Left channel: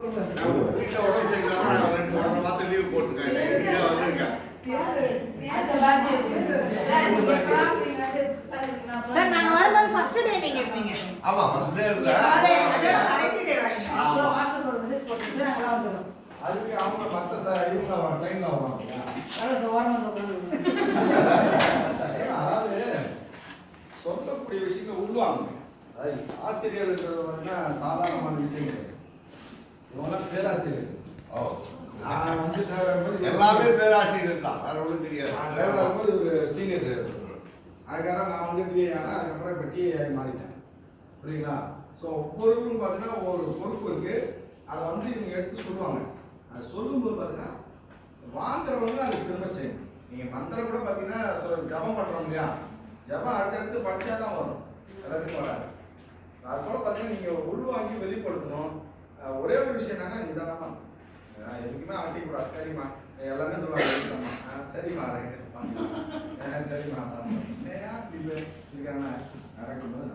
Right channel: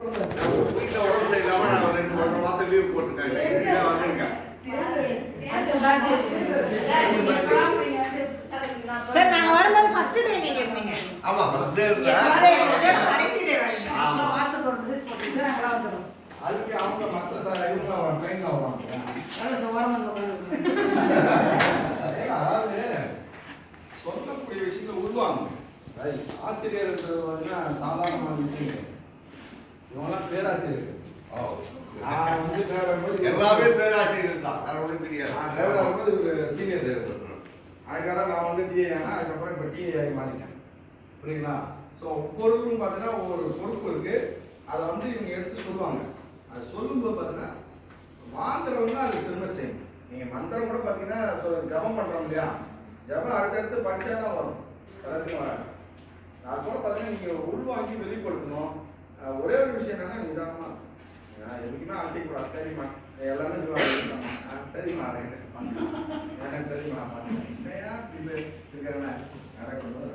Sir நாங்க வரும்போது first day நீங்க இருந்தீங்க. ஆமா ஃபர்ஸ்ட் டே இருந்தேன். கடைசி டே வரீங்க. வாட்ஸ்அப் மெசேஜ் போட்டு சார் அங்க வந்துரும். அதுக்கு அவங்க மத்த சார் இவங்க ட்ரெயின்ல வருவாங்க. அவ்வளவு ஓரமா வந்து அதாவது சொல்லக்கூடிய விஷயங்கள் உருவாங்க. ஆசிரியர்கள் வந்து சாதாரணமான விஷயம் கிடையாது. இவங்களாம் பேராசிரியர்கள். நான் வந்து எல்லாமே பேராசிரியர்கள் தான். வேற ஒன்றும் தெரியாது. நான் டிரைவர் ஆகும்போது ஒரு சீனியர் டிரைவர். அதுக்காக நான் வந்து டிஏ ஆனால் அதுக்கப்புறம் இப்போ டிஏ ஆகி மாறிட்டேன். புரியுங்களா? ஸோ ஒவ்வொருவரும் பார்த்தீங்கன்னா ஒவ்வொரு பொறுப்பு இருக்குது. அதை வந்து இவங்க எடுத்து சொல்லுவாங்க. அது சொல்லும்போது பார்த்தீங்கன்னா வாங்குறவங்க அது திரும்ப செய்யணும். நீங்கள் மந்திரம் கூட பார்த்தீங்கன்னா ஜபம் பண்ணுறோம் இல்லையா? ஜபம் அடுத்தடுத்து படித்தா தான் வரும். எல்லாத்துக்கும் வராது. அது போல பார்த்தீங்கன்னா நீங்கள் உள்வாங்கி வெளிப்படுத்தணும். ஒரே ஒரு விஷயம் என்னன்னா நிதானமாக எதுக்குமே ஆட்டிக்கூடாது. சரிம்மா எல்லாமே சொல்லுவாங்க. சரிம்மா ரைட்டு சரிம்மா பார்த்துக்கிறேன். இது இருக்கிறேன்னா நடக்கும்போது